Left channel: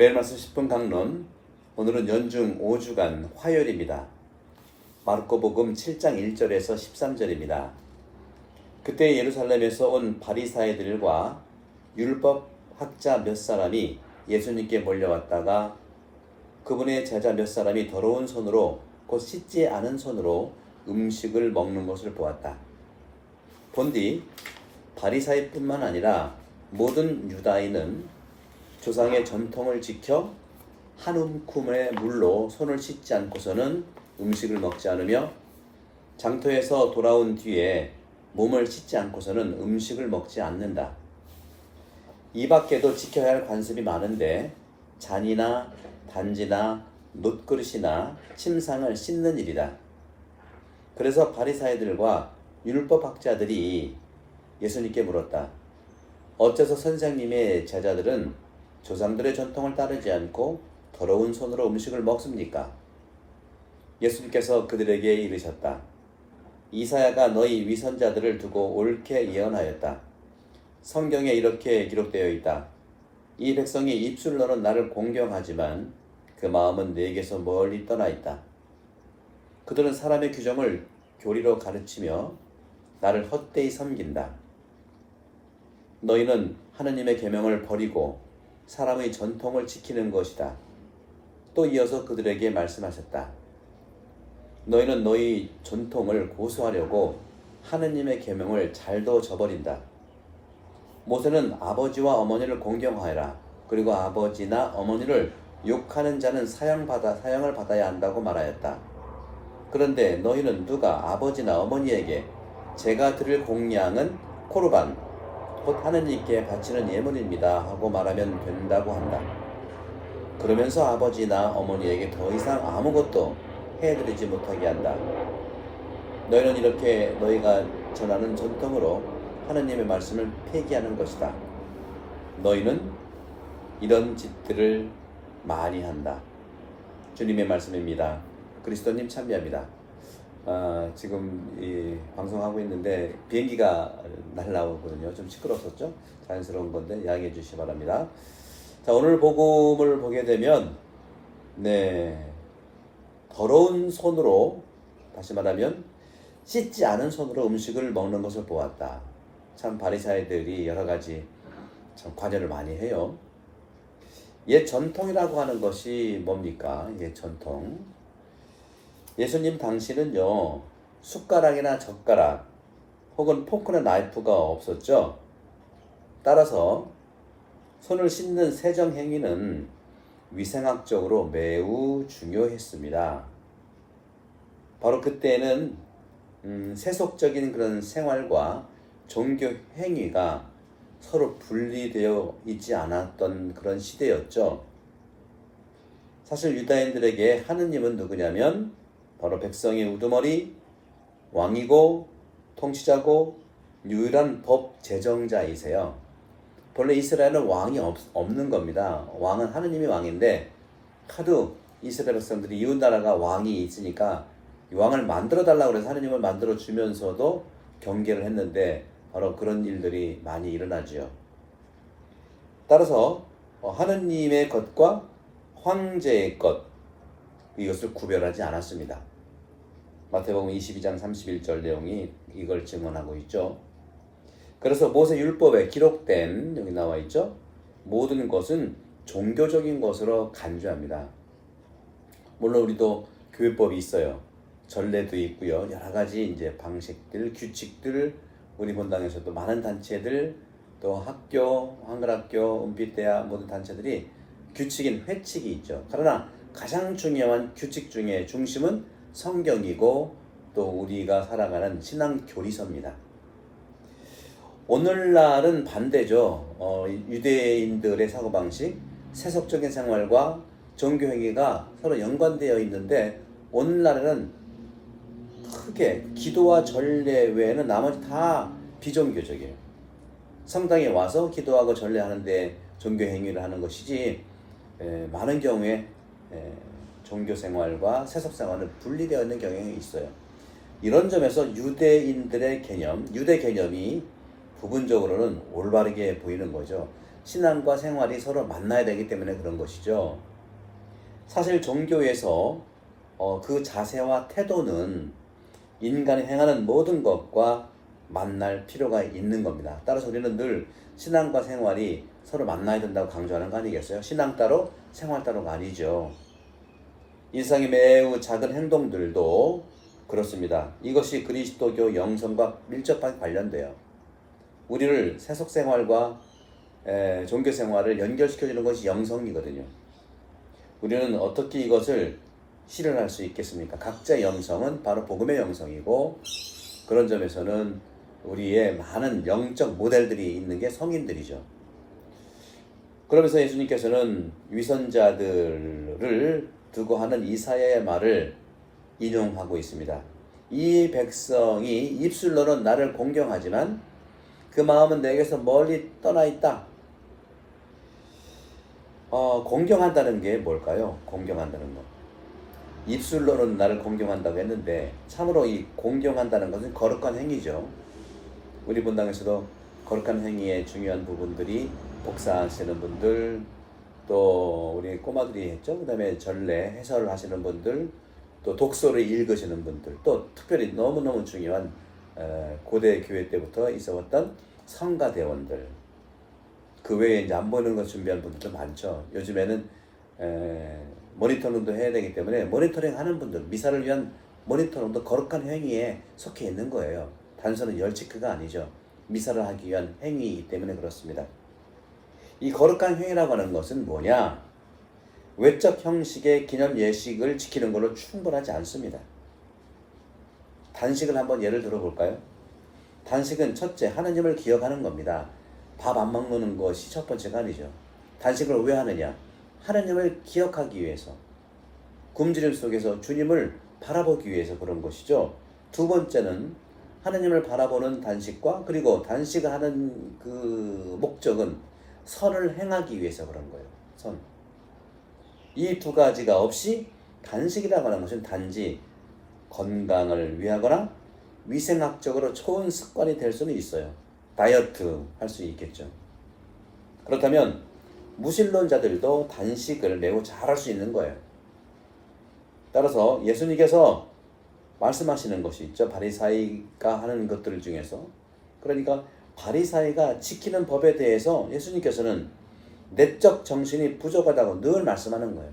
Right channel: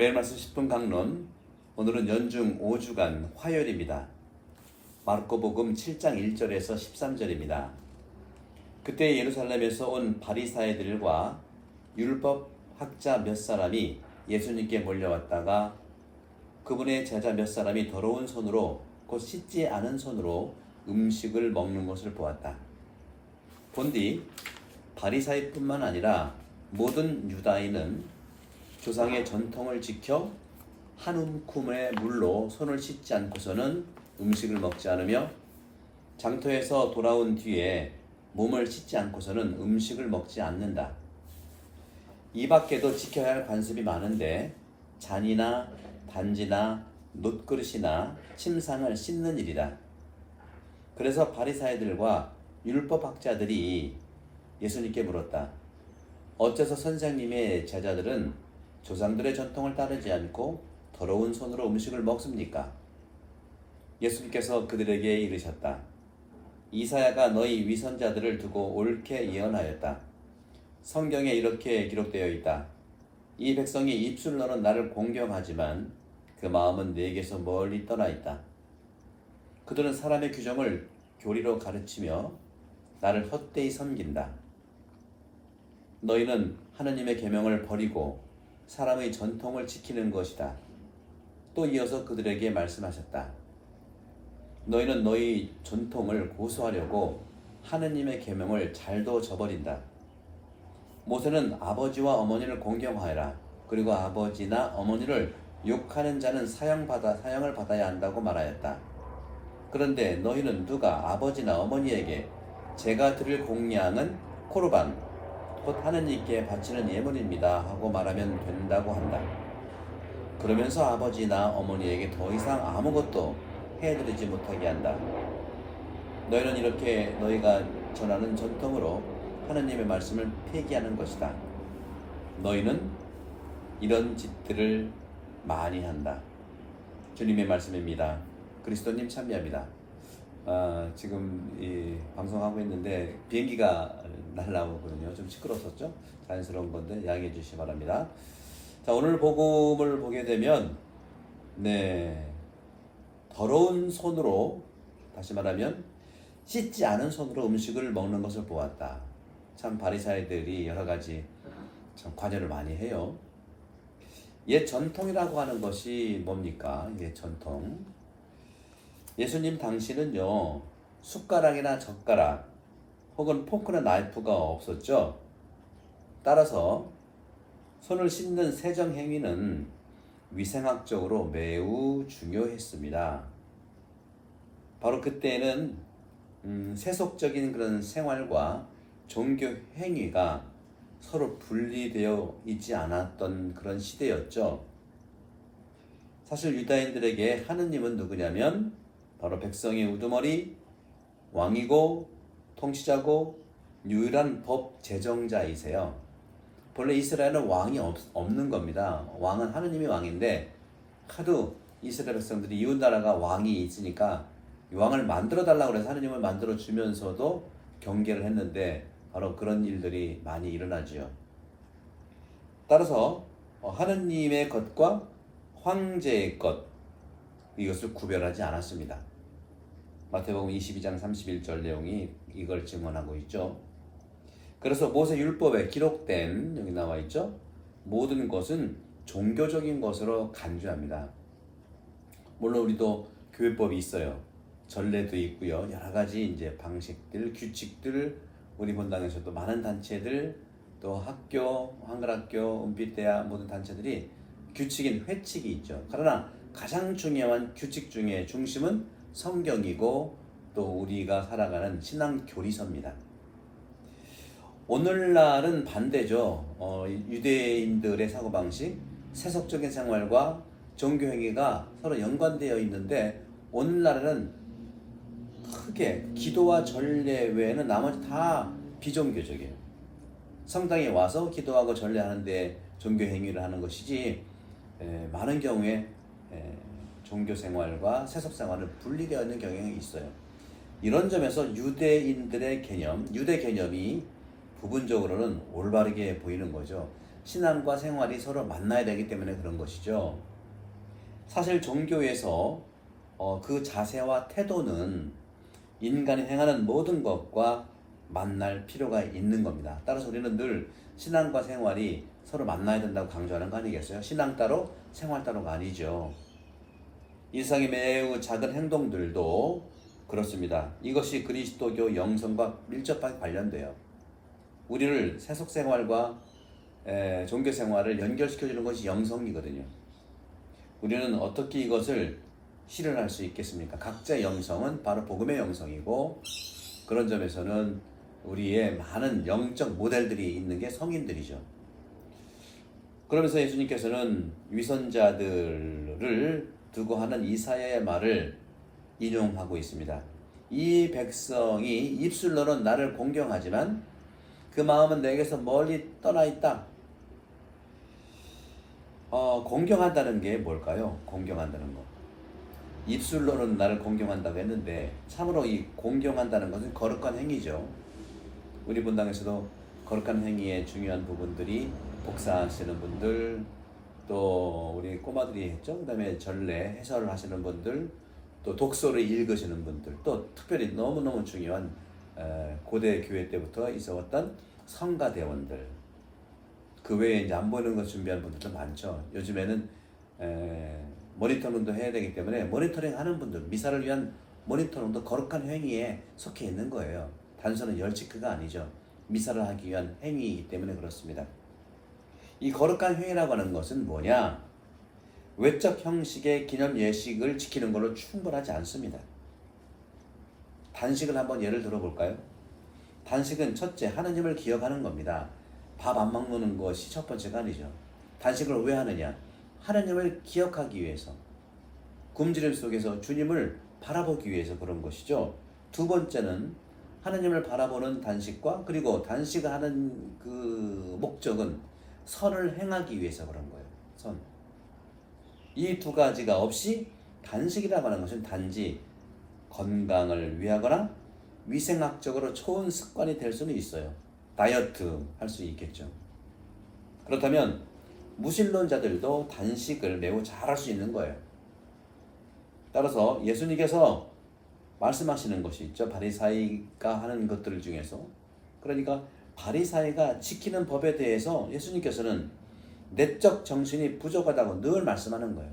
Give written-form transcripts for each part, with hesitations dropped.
매일 말씀 10분 강론, 오늘은 연중 5주간 화요일입니다. 마르코복음 7장 1절에서 13절입니다. 그때 예루살렘에서 온 바리사이들과 율법 학자 몇 사람이 예수님께 몰려왔다가 그분의 제자 몇 사람이 더러운 손으로, 곧 씻지 않은 손으로 음식을 먹는 것을 보았다. 본디 바리사이뿐만 아니라 모든 유다인은 조상의 전통을 지켜 한 움큼의 물로 손을 씻지 않고서는 음식을 먹지 않으며 장터에서 돌아온 뒤에 몸을 씻지 않고서는 음식을 먹지 않는다. 이 밖에도 지켜야 할 관습이 많은데 잔이나 단지나 놋그릇이나 침상을 씻는 일이다. 그래서 바리사이들과 율법학자들이 예수님께 물었다. 어째서 선생님의 제자들은 조상들의 전통을 따르지 않고 더러운 손으로 음식을 먹습니까? 예수님께서 그들에게 이르셨다. 이사야가 너희 위선자들을 두고 옳게 예언하였다. 성경에 이렇게 기록되어 있다. 이 백성이 입술로는 나를 공경하지만 그 마음은 내게서 멀리 떠나 있다. 그들은 사람의 규정을 교리로 가르치며 나를 헛되이 섬긴다. 너희는 하느님의 계명을 버리고 사람의 전통을 지키는 것이다. 또 이어서 그들에게 말씀하셨다. 너희는 너희 전통을 고수하려고 하느님의 계명을 잘도 저버린다. 모세는 아버지와 어머니를 공경하여라. 그리고 아버지나 어머니를 욕하는 자는 사형을 받아야 한다고 말하였다. 그런데 너희는 누가 아버지나 어머니에게 제가 드릴 공양은 코르반, 곧 하느님께 바치는 예물입니다 하고 말하면 된다고 한다. 그러면서 아버지나 어머니에게 더 이상 아무것도 해드리지 못하게 한다. 너희는 이렇게 너희가 전하는 전통으로 하느님의 말씀을 폐기하는 것이다. 너희는 이런 짓들을 많이 한다. 주님의 말씀입니다. 그리스도님 참여합니다. 지금 방송하고 있는데 비행기가 날라오거든요. 좀 시끄러웠었죠? 자연스러운 건데 양해해 주시기 바랍니다. 자, 오늘 복음을 보게 되면 더러운 손으로, 다시 말하면 씻지 않은 손으로 음식을 먹는 것을 보았다. 참 바리사이들이 여러 가지 참 관여를 많이 해요. 옛 전통이라고 하는 것이 뭡니까? 옛 전통. 예수님 당시는요, 숟가락이나 젓가락 혹은 포크나 나이프가 없었죠. 따라서 손을 씻는 세정 행위는 위생학적으로 매우 중요했습니다. 바로 그때는 세속적인 그런 생활과 종교 행위가 서로 분리되어 있지 않았던 그런 시대였죠. 사실 유다인들에게 하느님은 누구냐면 바로 백성의 우두머리, 왕이고 통치자고 유일한 법 제정자이세요. 본래 이스라엘은 왕이 없는 겁니다. 왕은 하느님이 왕인데 하도 이스라엘 백성들이 이웃 나라가 왕이 있으니까 왕을 만들어 달라고 해서 하느님을 만들어 주면서도 경계를 했는데 바로 그런 일들이 많이 일어나지요. 따라서 하느님의 것과 황제의 것, 이것을 구별하지 않았습니다. 마태복음 22장 31절 내용이 이걸 증언하고 있죠. 그래서 모세 율법에 기록된, 여기 나와 있죠, 모든 것은 종교적인 것으로 간주합니다. 물론 우리도 교회법이 있어요. 전례도 있고요. 여러 가지 이제 방식들, 규칙들, 우리 본당에서도 많은 단체들, 또 학교, 한글학교, 은빛대학 모든 단체들이 규칙인 회칙이 있죠. 그러나 가장 중요한 규칙 중에 중심은 성경이고 또 우리가 살아가는 신앙 교리서입니다. 오늘날은 반대죠. 유대인들의 사고방식, 세속적인 생활과 종교 행위가 서로 연관되어 있는데 오늘날에는 크게 기도와 전례 외에는 나머지 다 비종교적이에요. 성당에 와서 기도하고 전례하는데 종교 행위를 하는 것이지 많은 경우에 종교 생활과 세속 생활은 분리되어 있는 경향이 있어요. 이런 점에서 유대인들의 개념, 유대 개념이 부분적으로는 올바르게 보이는 거죠. 신앙과 생활이 서로 만나야 되기 때문에 그런 것이죠. 사실 종교에서 그 자세와 태도는 인간이 행하는 모든 것과 만날 필요가 있는 겁니다. 따라서 우리는 늘 신앙과 생활이 서로 만나야 된다고 강조하는 거 아니겠어요? 신앙 따로 생활 따로가 아니죠. 일상의 매우 작은 행동들도 그렇습니다. 이것이 그리스도교 영성과 밀접하게 관련돼요. 우리를 세속 생활과 종교 생활을 연결시켜주는 것이 영성이거든요. 우리는 어떻게 이것을 실현할 수 있겠습니까? 각자의 영성은 바로 복음의 영성이고, 그런 점에서는 우리의 많은 영적 모델들이 있는 게 성인들이죠. 그러면서 예수님께서는 위선자들을 두고 하는 이사야의 말을 인용하고 있습니다. 이 백성이 입술로는 나를 공경하지만 그 마음은 내게서 멀리 떠나 있다. 공경한다는 게 뭘까요? 공경한다는 거. 입술로는 나를 공경한다고 했는데 참으로 이 공경한다는 것은 거룩한 행위죠. 우리 본당에서도 거룩한 행위의 중요한 부분들이 복사하시는 분들, 또 우리 꼬마들이 했죠. 그 다음에 전례 해설을 하시는 분들, 또 독서를 읽으시는 분들, 또 특별히 너무너무 중요한 고대 교회 때부터 있었던 성가대원들, 그 외에 이제 안 보이는 것 준비하는 분들도 많죠. 요즘에는 모니터링도 해야 되기 때문에 모니터링 하는 분들, 미사를 위한 모니터링도 거룩한 행위에 속해 있는 거예요. 단순한 열치크가 아니죠. 미사를 하기 위한 행위이기 때문에 그렇습니다. 이 거룩한 행위라고 하는 것은 뭐냐? 외적 형식의 기념 예식을 지키는 걸로 충분하지 않습니다. 단식을 한번 예를 들어볼까요? 단식은 첫째, 하느님을 기억하는 겁니다. 밥 안 먹는 것이 첫 번째가 아니죠. 단식을 왜 하느냐? 하느님을 기억하기 위해서, 굶주림 속에서 주님을 바라보기 위해서 그런 것이죠. 두 번째는 하느님을 바라보는 단식과, 그리고 단식을 하는 그 목적은 선을 행하기 위해서 그런 거예요. 선. 이 두 가지가 없이 단식이라고 하는 것은 단지 건강을 위하거나 위생학적으로 좋은 습관이 될 수는 있어요. 다이어트 할 수 있겠죠. 그렇다면 무신론자들도 단식을 매우 잘할 수 있는 거예요. 따라서 예수님께서 말씀하시는 것이 있죠. 바리사이가 하는 것들 중에서, 그러니까 바리사이가 지키는 법에 대해서 예수님께서는 내적 정신이 부족하다고 늘 말씀하는 거예요.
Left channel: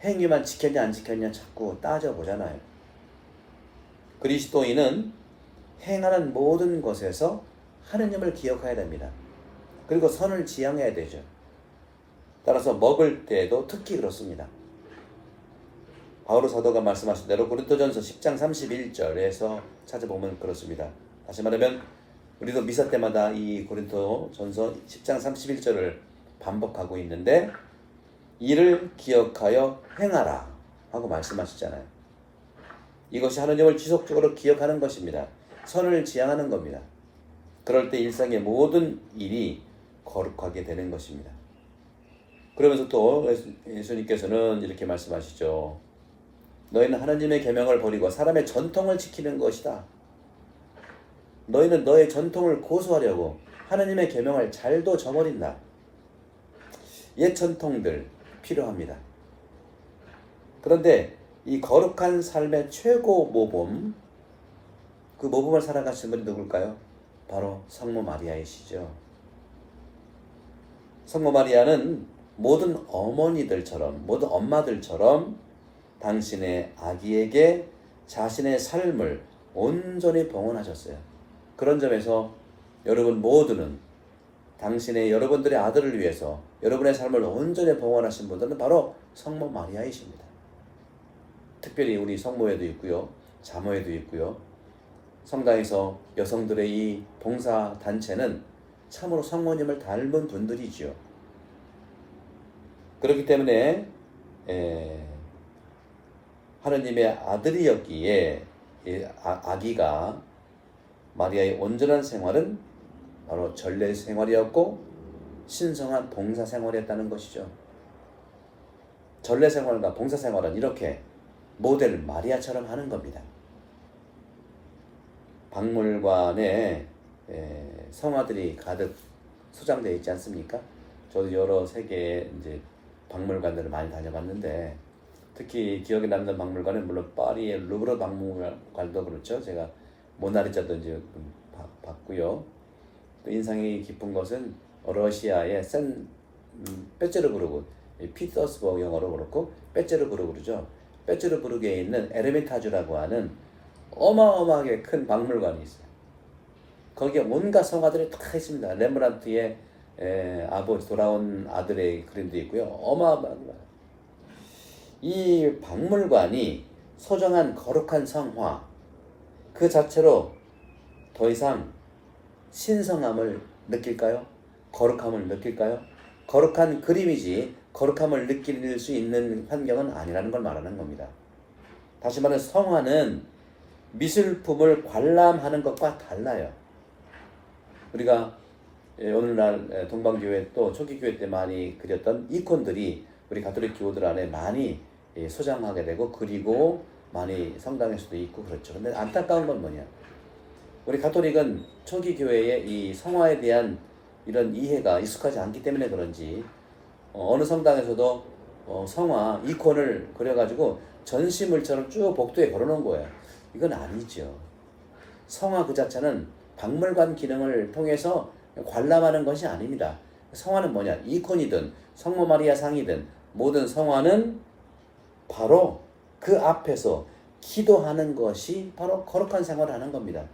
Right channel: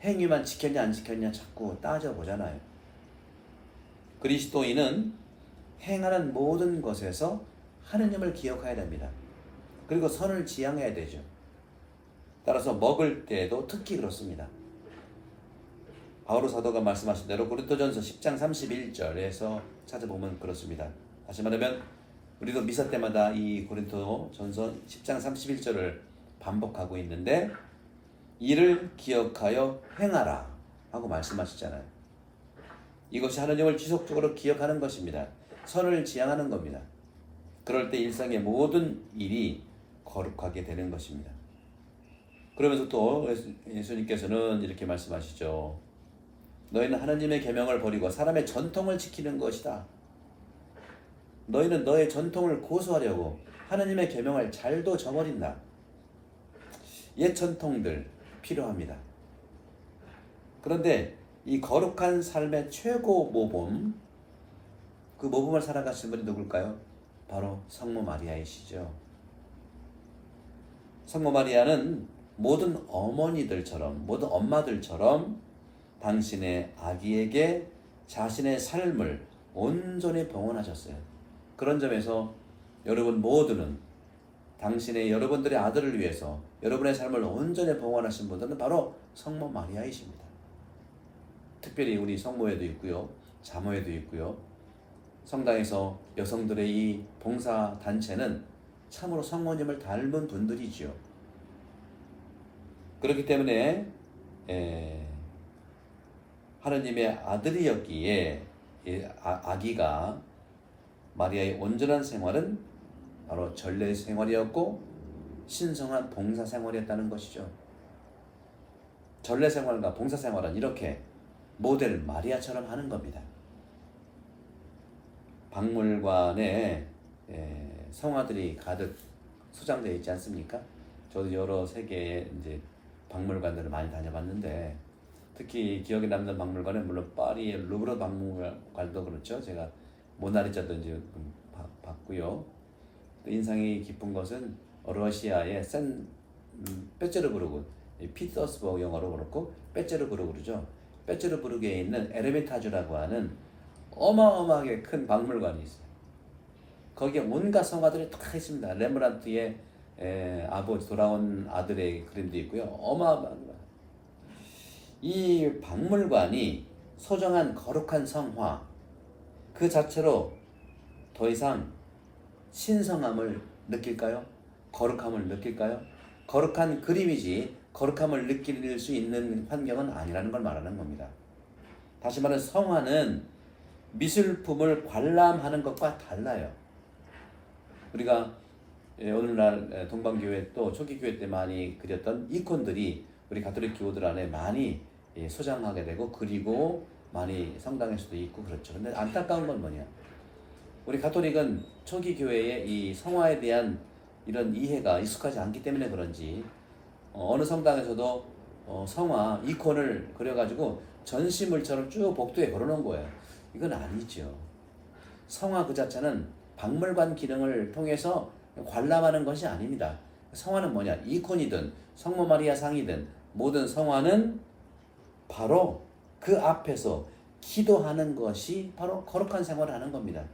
행위만 지켰냐 안 지켰냐 자꾸 따져보잖아요. 그리스도인은 행하는 모든 것에서 하느님을 기억해야 됩니다. 그리고 선을 지향해야 되죠. 따라서 먹을 때도 특히 그렇습니다. 바오로 사도가 말씀하신 대로 고린도전서 10장 31절에서 찾아보면 그렇습니다. 다시 말하면 우리도 미사 때마다 이 고린도전서 10장 31절을 반복하고 있는데, 이를 기억하여 행하라 하고 말씀하시잖아요. 이것이 하느님을 지속적으로 기억하는 것입니다. 선을 지향하는 겁니다. 그럴 때 일상의 모든 일이 거룩하게 되는 것입니다. 그러면서 또 예수님께서는 이렇게 말씀하시죠. 너희는 하나님의 계명을 버리고 사람의 전통을 지키는 것이다. 너희는 너의 전통을 고수하려고 하나님의 계명을 잘도 저버린다. 옛 전통들 필요합니다. 그런데 이 거룩한 삶의 최고 모범, 그 모범을 살아가신 분이 누굴까요? 바로 성모 마리아이시죠. 성모 마리아는 모든 어머니들처럼, 모든 엄마들처럼 당신의 아기에게 자신의 삶을 온전히 봉헌하셨어요. 그런 점에서 여러분 모두는 여러분들의 아들을 위해서 여러분의 삶을 온전히 봉헌하신 분들은 바로 성모 마리아이십니다. 특별히 우리 성모에도 있고요, 자모에도 있고요. 성당에서 여성들의 이 봉사 단체는 참으로 성모님을 닮은 분들이지요. 그렇기 때문에 하느님의 아들이었기에 아기가 마리아의 온전한 생활은 바로 전례 생활이었고 신성한 봉사 생활이었다는 것이죠. 전례 생활과 봉사 생활은 이렇게 모델 마리아처럼 하는 겁니다. 박물관에 성화들이 가득 소장되어 있지 않습니까? 저도 여러 세계의 이제 박물관들을 많이 다녀봤는데 특히 기억에 남는 박물관은 물론 파리의 루브르 박물관도 그렇죠. 제가 모나리자도 이제 봤고요. 또 인상이 깊은 것은 러시아의 페테르부르크, 피터스버그 영어로 그렇고 페테르부르크 그러죠. 페테르부르크에 있는 에르미타주라고 하는 어마어마하게 큰 박물관이 있어요. 거기에 온갖 성화들이 다 있습니다. 렘브란트의 아버지 돌아온 아들의 그림도 있고요. 어마어마한 이 박물관이 소정한 거룩한 성화 그 자체로 더 이상 신성함을 느낄까요? 거룩함을 느낄까요? 거룩한 그림이지 거룩함을 느낄 수 있는 환경은 아니라는 걸 말하는 겁니다. 다시 말해 성화는 미술품을 관람하는 것과 달라요. 우리가 오늘날 동방교회 또 초기교회 때 많이 그렸던 이콘들이 우리 가톨릭 교우들 안에 많이 소장하게 되고 그리고 많이 성당에서도 있고 그렇죠. 근데 안타까운 건 뭐냐? 우리 가톨릭은 초기 교회의 이 성화에 대한 이런 이해가 익숙하지 않기 때문에 그런지 어느 성당에서도 성화 이콘을 그려가지고 전시물처럼 쭉 복도에 걸어놓은 거예요. 이건 아니죠. 성화 그 자체는 박물관 기능을 통해서 관람하는 것이 아닙니다. 성화는 뭐냐? 이콘이든 성모 마리아 상이든 모든 성화는 바로 그 앞에서 기도하는 것이 바로 거룩한 생활을 하는 겁니다.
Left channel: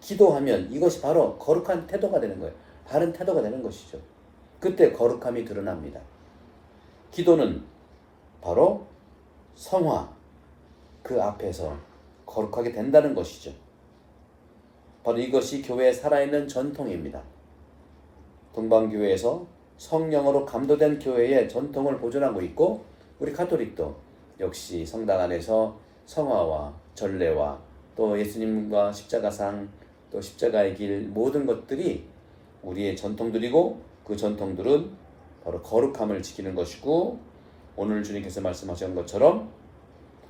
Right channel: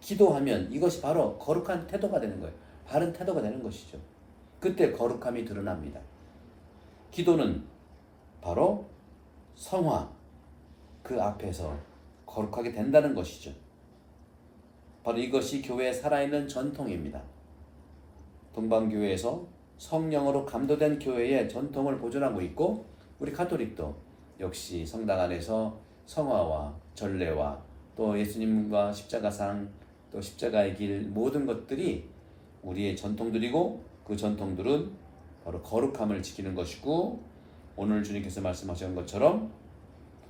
기도하면 이것이 바로 거룩한 태도가 되는 거예요. 바른 태도가 되는 것이죠. 그때 거룩함이 드러납니다. 기도는 바로 성화 그 앞에서 거룩하게 된다는 것이죠. 바로 이것이 교회의 살아있는 전통입니다. 동방교회에서 성령으로 감도된 교회의 전통을 보존하고 있고 우리 가톨릭도 역시 성당 안에서 성화와 전례와 또 예수님과 십자가상 또 십자가의 길 모든 것들이 우리의 전통들이고 그 전통들은 바로 거룩함을 지키는 것이고 오늘 주님께서 말씀하신 것처럼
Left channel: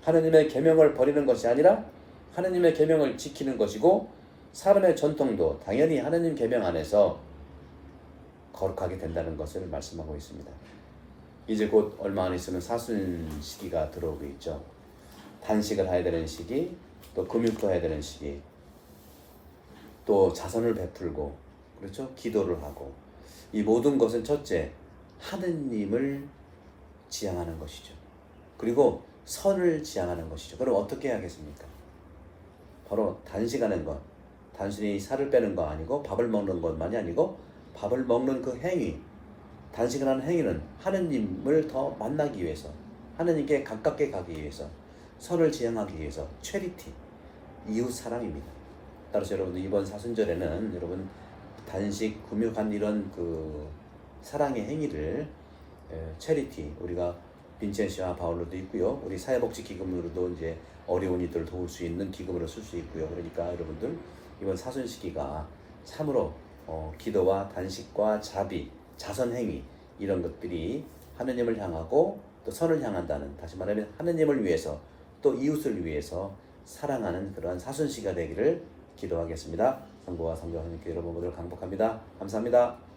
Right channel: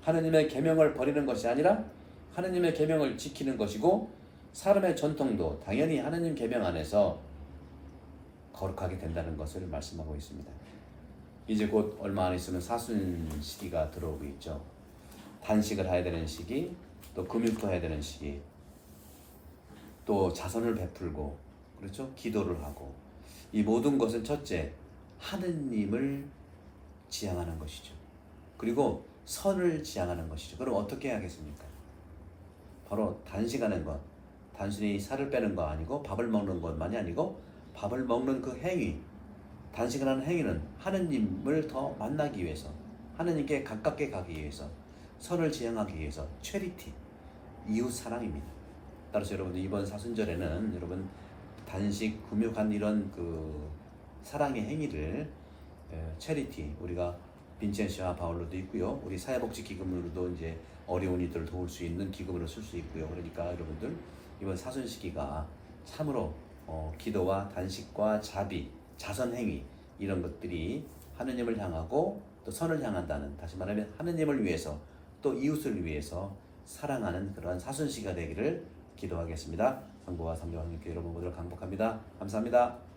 하느님의 계명을 버리는 것이 아니라 하느님의 계명을 지키는 것이고 사람의 전통도 당연히 하느님 계명 안에서 거룩하게 된다는 것을 말씀하고 있습니다. 이제 곧 얼마 안 있으면 사순 시기가 들어오고 있죠. 단식을 해야 되는 시기, 또 금육도 해야 되는 시기, 또 자선을 베풀고, 그렇죠? 기도를 하고, 이 모든 것은 첫째 하느님을 지향하는 것이죠. 그리고 선을 지향하는 것이죠. 그럼 어떻게 해야겠습니까? 바로 단식하는 것, 단순히 살을 빼는 거 아니고 밥을 먹는 것만이 아니고 밥을 먹는 그 행위, 단식을 하는 행위는 하느님을 더 만나기 위해서, 하느님께 가깝게 가기 위해서, 선을 지향하기 위해서, 체리티, 이웃 사랑입니다. 따라서 여러분들 이번 사순절에는 여러분 단식, 금욕한 이런 그 사랑의 행위를 체리티, 우리가 빈첸시와 바울로도 있고요. 우리 사회복지 기금으로도 이제 어려운 이들을 도울 수 있는 기금으로 쓸 수 있고요. 그러니까 여러분들 이번 사순 시기가 참으로 기도와 단식과 자비, 자선행위 이런 것들이 하느님을 향하고 또 선을 향한다는, 다시 말하면 하느님을 위해서 또 이웃을 위해서 사랑하는 그러한 사순 시기가 되기를 기도하겠습니다. 성부와 성자 성령께 여러분 모두를 강복합니다. 감사합니다.